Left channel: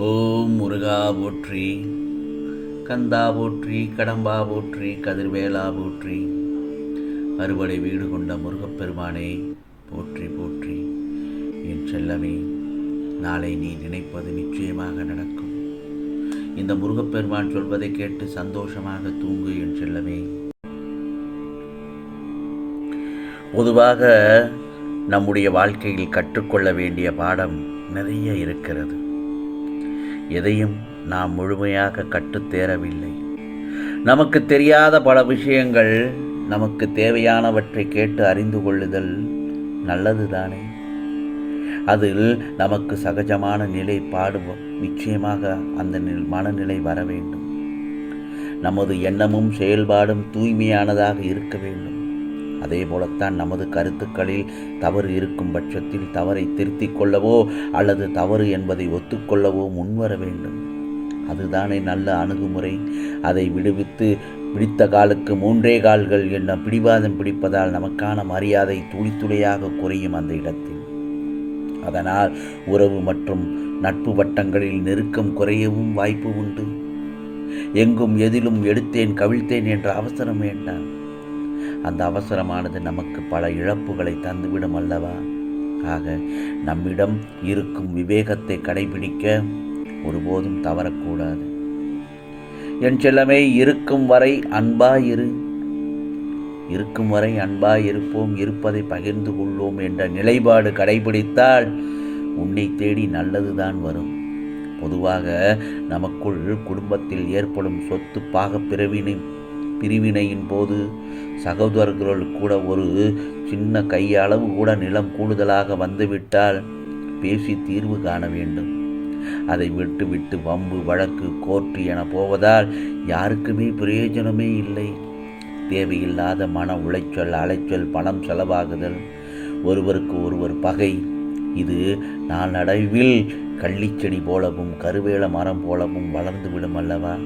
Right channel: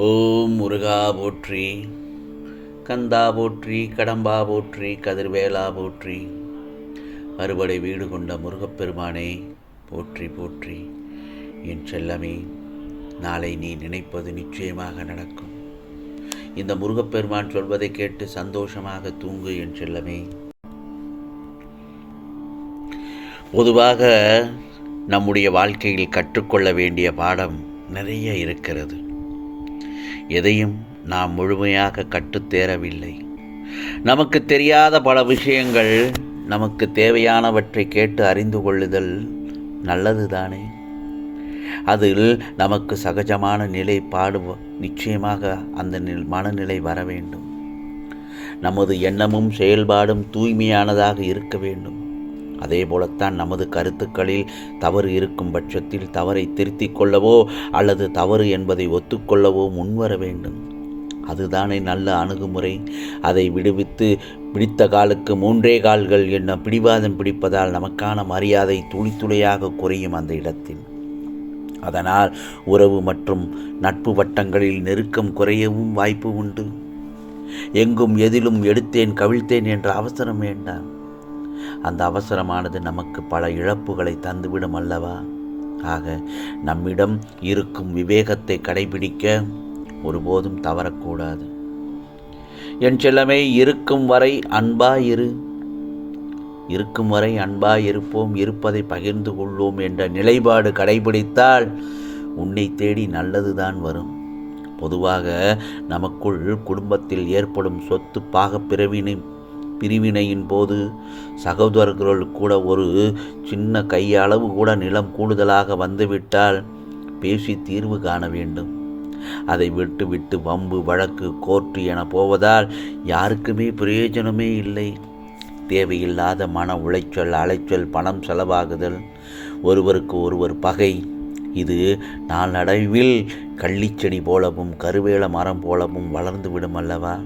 ஓம் முருகா போற்றி, கந்தா போற்றி, கடம்பா போற்றி, கதிர்வேலா போற்றி, அறுபடை வீடு கொண்ட முருகப்பெருமானே போற்றி போற்றி. என் செல்லமே, நாளை நீ நினைப்பது நிச்சயமாக நடக்கும். இந்த முருகப்பெருமான் சொல்வதை கேட்டு சந்தோஷமாக தூங்கு என் செல்லமே. பொதுவாக நம்முடைய வாழ்க்கையில் கற்றுக்கொள்ள வேண்டிய பாடம் நிறைய இருக்கிறது. எதையும் நாம் முழுமையாக கற்றுத்தேரவில்லை. நமக்கு தெரியாத பல விஷயங்கள், நமக்கு தேவையானவற்றை கேட்டு அறிந்து கொள்ளுதல் நல்லதுதானே. அதில் நமக்கு சகஜமான நிலை நிச்சயமாக அந்த மனநிலை வர வேண்டும். நமது எண்ணமும் செயல்பாடும் தூய்மையானதாக இருக்க வேண்டும். அதே போலத்தான் நமது கருத்துக்களில் தவறு இருக்கும் பட்சத்தில் தவறை திருத்திக் கொள்ளவோ அல்லது தவறு என்பதை ஒத்துக்கொள்ளவோ முன்வர வேண்டும். அதுதானே நல்ல அணுகுமுறை. அதை விடுவித்து பிடித்த காலுக்கு மூன்றே கால்கள் என்ற பிடிவாதம் பிடிப்பதால் நமக்கான மரியாதை துளி துளியாக குறையும் அந்த இடத்தில். அதனால் உறவு மற்றும் நட்பு வட்டங்களில் நெருக்கம் குறையவும் வாய்ப்பு உண்டு. எங்கும் எதிலும் எடுத்தேன் கவிழ்த்தேன் என்ற அவசரம் வேண்டாம். அந்த அவசரமானது நமக்கு பல இழப்புகளை தந்துவிடும் அல்லவா. ஆக நம்மிடம் இருக்கும் விவேகத்தை கடைபிடிக்க ஒருபோதும் தவறக்கூடாது. என் செல்லமே, இருக்கும் வரை அன்பாயிரு, இருக்கும் வரை அன்பாயிருப்போம், இருப்பதை பகிர்ந்து கொள்வோம் என்ற நிலைப்பாடு கடைபிடித்தால் உன்னை தேடி நல்லதுதான் வரும். பொதுவாக நமக்குள் குடும்பத்தில் ஏற்படும் சொத்து பாக பிரிவினையின் போது சகோதரர்கள் கூட ஒரு சின்ன கையளவு கூட நிலம் கூடுதலாக வந்துவிட்டால் பேசி தீர்வு காண வேண்டும். அதை விட்டு வம்பு வழக்கு கோர்ட்டு என போவதால் யாருக்குமே பிரயோஜனமே இல்லை. தேவையில்லாத மன உளைச்சல், அலைச்சல், பணம் செலவாகுதல், ஒருவருக்கு ஒருவர் பகை, இது நாளடைவில் கள்ளிச்செடி போலவும் கருவேல மரம் போலவும் வளர்ந்து விடும் அல்லவா.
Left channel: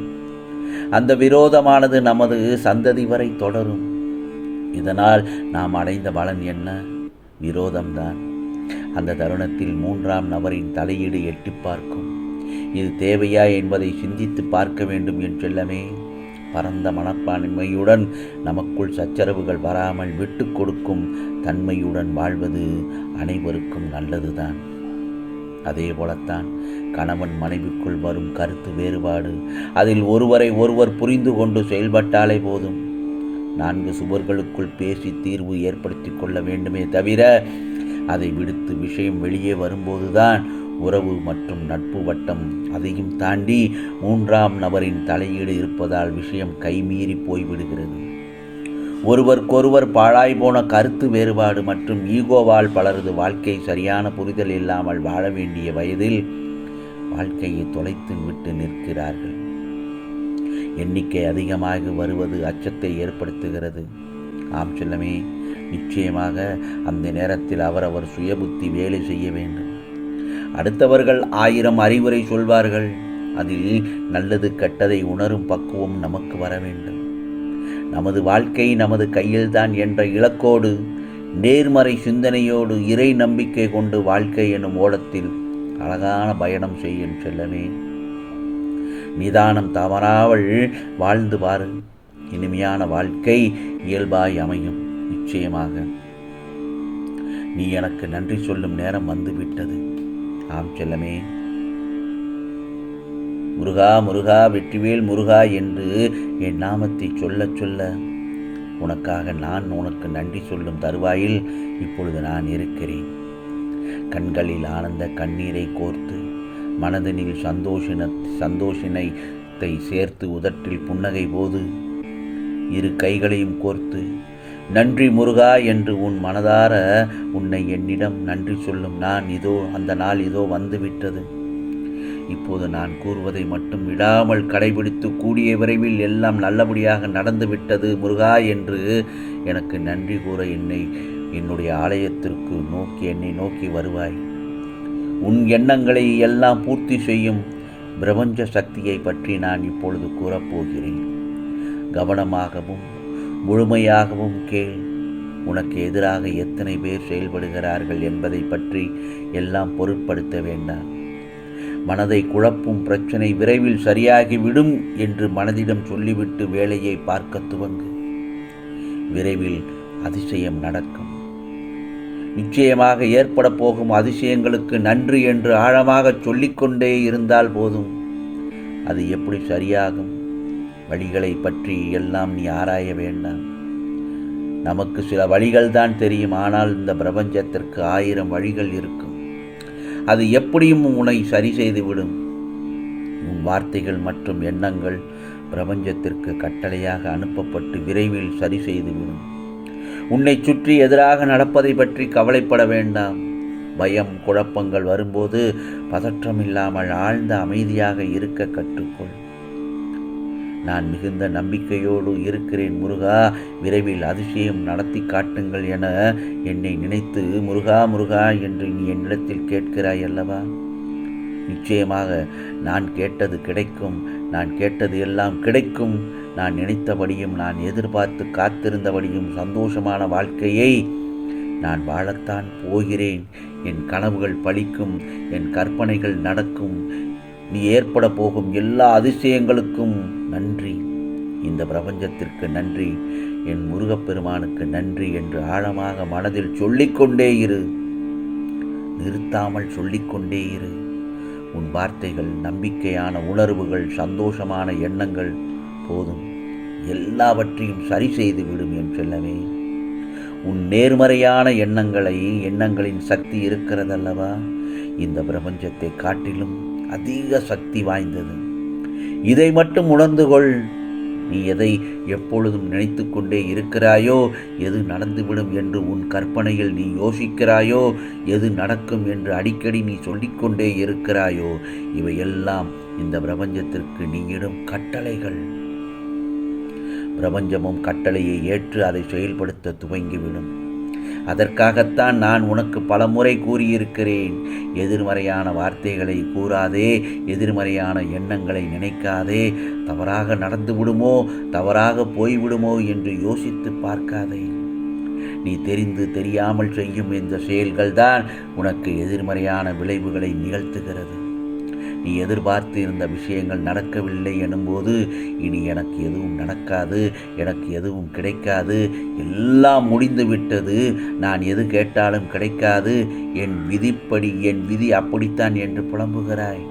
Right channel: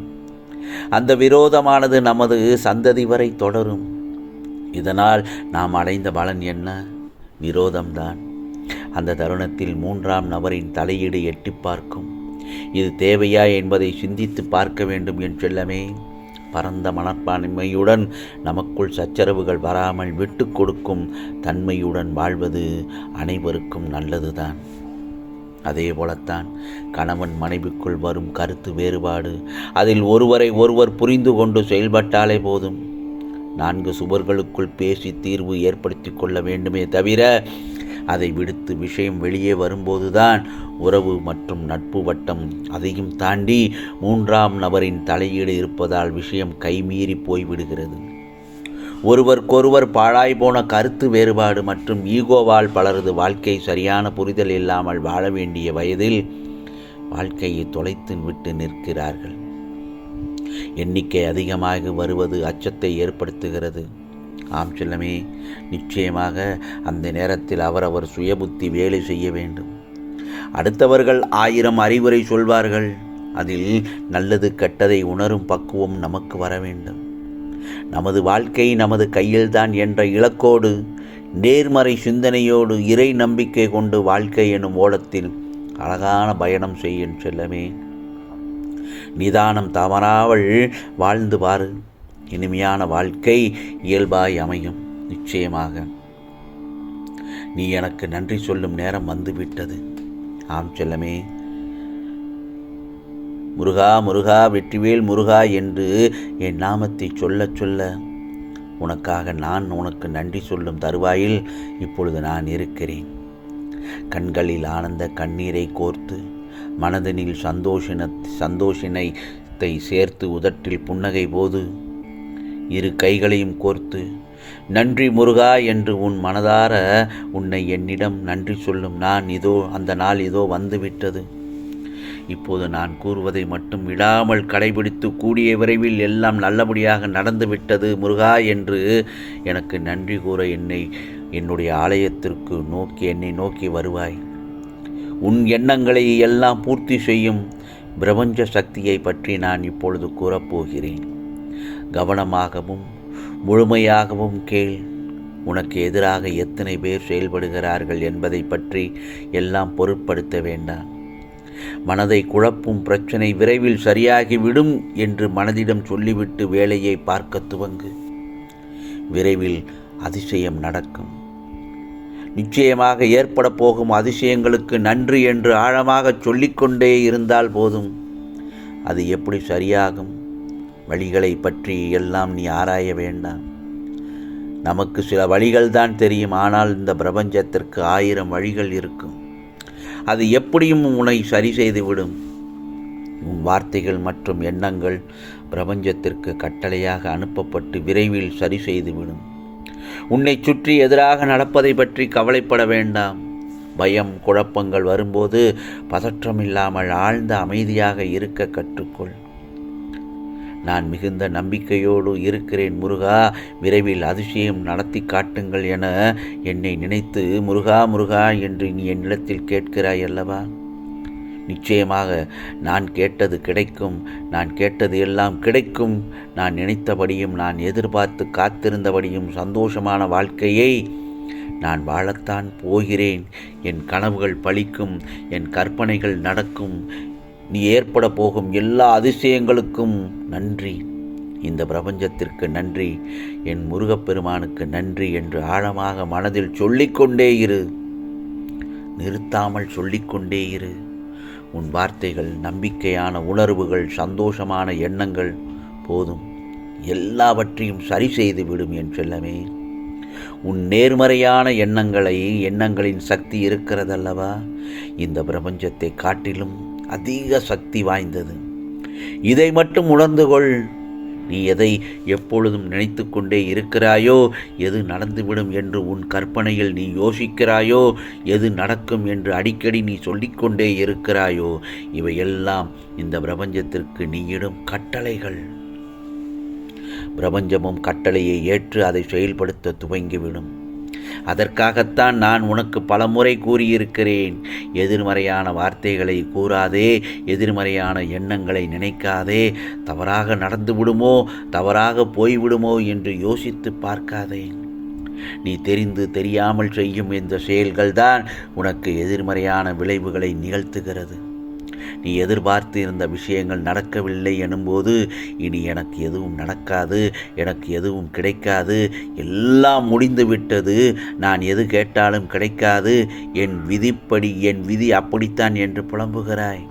அந்த விரோதமானது நமது சந்ததி வரை தொடரும். இதனால் நாம் அடைந்த பலன் என்ன? விரோதம்தான். அந்த தருணத்தில் மூன்றாம் நபரின் தலையீடு எட்டி பார்க்கும். இது தேவையா என்பதை சிந்தித்து பார்க்க வேண்டும் என் செல்லமே. பரந்த மனப்பான்மையுடன் நமக்குள் சச்சரவுகள் வராமல் விட்டு கொடுக்கும் தன்மையுடன் வாழ்வது அனைவருக்கும் நல்லதுதான். அதே போலத்தான் கணவன் மனைவிக்குள் வரும் கருத்து வேறுபாடு, அதில் ஒருவரை ஒருவர் புரிந்து கொண்டு செயல்பட்டாலே போதும். 4 சுவர்களுக்குள் பேசி தீர்வு ஏற்படுத்தி கொள்ள வேண்டுமே தவிர அதை விடுத்து விஷயம் வெளியே வரும்போதுதான் உறவு மற்றும் நட்பு வட்டம், அதையும் தாண்டி 3ஆம் நபரின் தலையீடு இருப்பதால் விஷயம் கைமீறி போய்விடுகிறது. ஒருவருக்கொருவர் பாழாய் போன கருத்து வேறுபாடு மற்றும் ஈகோவால் பலரது வாழ்க்கை சரியான புரிதல் இல்லாமல் வாழ வேண்டிய வயதில் வாழ்க்கையை தொலைத்து விட்டு நிற்கிறார்கள். எண்ணிக்கை அதிகமாக வருவது அச்சத்தை ஏற்படுத்துகிறது. ஆம் செல்லமே, நிச்சயமாக அந்த நேரத்தில் அவரவர் சுயபுத்தி வேலை செய்ய வேண்டும். அடுத்தவர்கள் 1000 அறிவுரை சொல்வார்கள். அதில் நல்லது கெட்டதை உணரும் பக்குவம் நமக்கு வர வேண்டும். நமது வாழ்க்கை நமது கையில்தான் என்ற இலக்கோடு, நேர்மறை சிந்தனையோடு, இறை நம்பிக்கை கொண்டு வாழ்க்கை எனும் ஓடத்தில் அழகான பயணம் செய்யும் செல்லமே. நிதானம் தவறாமல் வாழ்ந்து பாரு. இனிமையான வாழ்க்கை இயல்பாய் அமையும். நிச்சயமாக நீ எனக்கு நன்றி சொல்லும் நேரம் வந்துவிட்டது. ஆம் செல்லமே, முருகா முருகா வெற்றிவேல் முருகா என்று என் நாமத்தை சொல்ல சொல்ல உனக்காக நான் உனக்கு நன்றி சொல்லும் தருவாயில் இப்பொழுது நான் இருக்கிறேன். கண்களில் ஆனந்த கண்ணீரை கோர்த்து, மனதனில் சந்தோஷத்தை சேர்த்து, உதட்டில் புன்னகை போது, 2 கைகளையும் கோர்த்து நன்றி முருகா என்று உன் மனதார உன்னை என்னிடம் நன்றி சொல்லும் நான் இதோ, அந்த நாள் இதோ வந்துவிட்டது. இப்போது நான் கூறுவதை மட்டும் விடாமல் கடைபிடித்து கூடிய விரைவில் எல்லாம் நல்லபடியாக நடந்துவிட்டது முருகா என்று எனக்கு நன்றி கூற என்னுடைய ஆலயத்திற்கு என்னை நோக்கி வருவாய். உன் எண்ணங்களை எல்லாம் பூர்த்தி செய்யும் பிரபஞ்ச சக்தியை பற்றி நான் இப்பொழுது கூறப்போகிறேன். கவனமாகவும் முழுமையாகவும் கேள். உனக்கு எதிராக எத்தனை பேர் செயல்படுகிறார்கள் என்பதை பற்றி எல்லாம் பொருட்படுத்த வேண்டாம். மனதை குழப்பும் பிரச்சனை விரைவில் சரியாகிவிடும் என்று மனதிடம் சொல்லிவிட்டு வேலையை பார்க்க துவங்கு. விரைவில் அதிசயம் நடக்கும். நிச்சயமாக ஏற்பட போகும் அதிசயங்களுக்கு நன்றி என்று ஆழமாக சொல்லிக்கொண்டே இருந்தால் போதும். அது எப்படி சரியாகும்? வழிகளை பற்றி எல்லாம் நீ ஆராய வேண்டாம். நமக்கு சில வழிகள் தான் தெரியும். ஆனால் இந்த பிரபஞ்சத்திற்கு 1000 வழிகள் இருக்கும். அது எப்படியும் உன்னை சரி செய்துவிடும். உன் வார்த்தைகள் மற்றும் எண்ணங்கள் பிரபஞ்சத்திற்கு கட்டளையாக அனுப்பப்பட்டு விரைவில் சரி செய்துவிடும். உன்னை சுற்றி எதிராக நடப்பதை பற்றி கவலைப்பட வேண்டாம். பயம், குழப்பங்கள் வரும்போது பதற்றமில்லாமல் ஆழ்ந்த அமைதியாக இருக்க கற்றுக்கொள். நான் மிகுந்த நம்பிக்கையோடு இருக்கிறேன் முருகா, விரைவில் அதிசயம் நடத்தி காட்டுங்கள் என என்னை நினைத்து முருகா முருகா என்று நீ என்னிடத்தில் கேட்கிறாய் அல்லவா? நிச்சயமாக நான் கேட்டது கிடைக்கும். நான் கேட்டது எல்லாம் கிடைக்கும். நான் நினைத்தபடியும் நான் எதிர்பார்த்து காத்திருந்தபடியும் சந்தோஷமான வாழ்க்கையை நான் வாழத்தான் போகிறேன். என் கனவுகள் பலிக்கும். என் கற்பனைகள் நடக்கும். நீ ஏற்பட போகும் எல்லா அதிசயங்களுக்கும் நன்றி. இந்த பிரபஞ்சத்திற்கு நன்றி, என் முருகப்பெருமானுக்கு நன்றி என்று ஆழமாக மனதில் சொல்லிக்கொண்டே இரு. நிறுத்தாமல் சொல்லிக்கொண்டே இரு. உன் வார்த்தைகள், நம்பிக்கையான உணர்வுகள், சந்தோஷமான எண்ணங்கள் போதும். எல்லாவற்றையும் சரி செய்து விடும் என் செல்லமே. உன் நேர்மறையான எண்ணங்களின் சக்தி இருக்கிறதல்லவா, இந்த பிரபஞ்சத்தை காட்டிலும் அதிக சக்தி வாய்ந்தது. இதை மட்டும் உணர்ந்து கொள். நீ எதை எப்பொழுதும் நினைத்து கொண்டே இருக்கிறாயோ, எது நடந்துவிடும் என்று உன் கற்பனையில் நீ யோசிக்கிறாயோ, எது நடக்கும் என்று அடிக்கடி நீ சொல்லிக்கொண்டே இருக்கிறாயோ, இவையெல்லாம் இந்த பிரபஞ்சத்திற்கு நீயிடும் கட்டளைகள். பிரபஞ்சமும் கட்டளையை ஏற்று அதை செயல்படுத்த துவங்கிவிடும். அதற்காகத்தான் நான் உனக்கு பலமுறை கூறியிருக்கிறேன். எதிர்மறையான வார்த்தைகளை கூறாதே, எதிர்மறையான எண்ணங்களை நினைக்காதே. தவறாக நடந்துவிடுமோ, தவறாக போய்விடுமோ என்று யோசித்து பார்க்காதே. நீ தெரிந்து தெரியாமல் செய்யும் இந்த செயல்கள்தான் உனக்கு எதிர்மறையான விளைவுகளை நிகழ்த்துகிறது. நீ எதிர்பார்த்து இருந்த விஷயங்கள் நடக்கவில்லை எனும்போது இனி எனக்கு எதுவும் நடக்காது, எனக்கு எதுவும் கிடைக்காது, எல்லாம் முடிந்து விட்டது, நான் எது கேட்டாலும் கிடைக்காது, என் விதி அப்படித்தான் என்று புலம்புகிறாய்.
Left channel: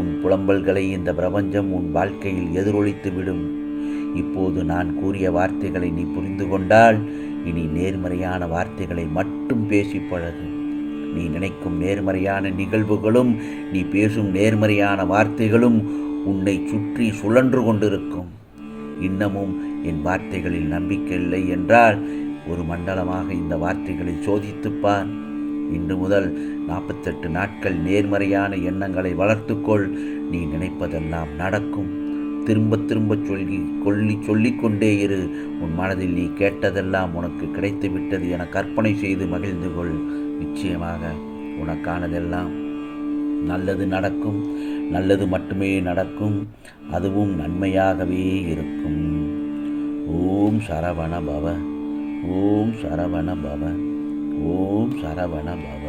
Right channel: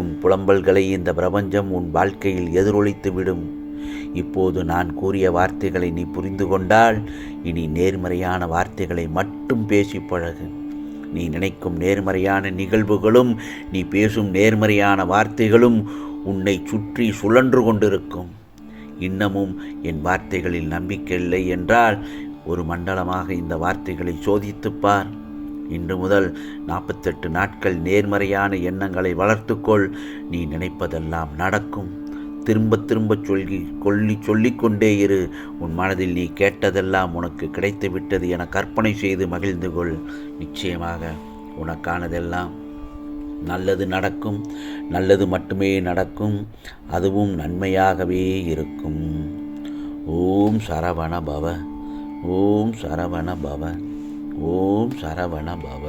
உன் புலம்பல்களை இந்த பிரபஞ்சம் உன் வாழ்க்கையில் எதிரொலித்து விடும். இப்போது நான் கூறிய வார்த்தைகளை நீ புரிந்து கொண்டால் இனி நேர்மறையான வார்த்தைகளை மட்டும் பேசி பழகு. நீ நினைக்கும் நேர்மறையான நிகழ்வுகளும் நீ பேசும் நேர்மறையான வார்த்தைகளும் உன்னை சுற்றி சுழன்று கொண்டிருக்கும். இன்னமும் என் வார்த்தைகளில் நம்பிக்கை இல்லை என்றால் ஒரு மண்டலமாக இந்த வார்த்தைகளை சோதித்துப்பார். இன்று முதல் 48 நாட்கள் நேர்மறையான எண்ணங்களை வளர்த்துக்கொள். நீ நினைப்பதெல்லாம் நடக்கும். திரும்ப திரும்ப சொல்லிக்கொண்டே இரு. உன் மனதில் நீ கேட்டதெல்லாம் உனக்கு கிடைத்து விட்டது என கற்பனை செய்து மகிழ்ந்து கொள். நிச்சயமாக உனக்கானதெல்லாம் நல்லது நடக்கும். நல்லது மட்டுமே நடக்கும். அதுவும் நன்மையாகவே இருக்கும். ஓம் சரவண பவ. ஓம் சரவண பவ. ஓம் சரவண பவ.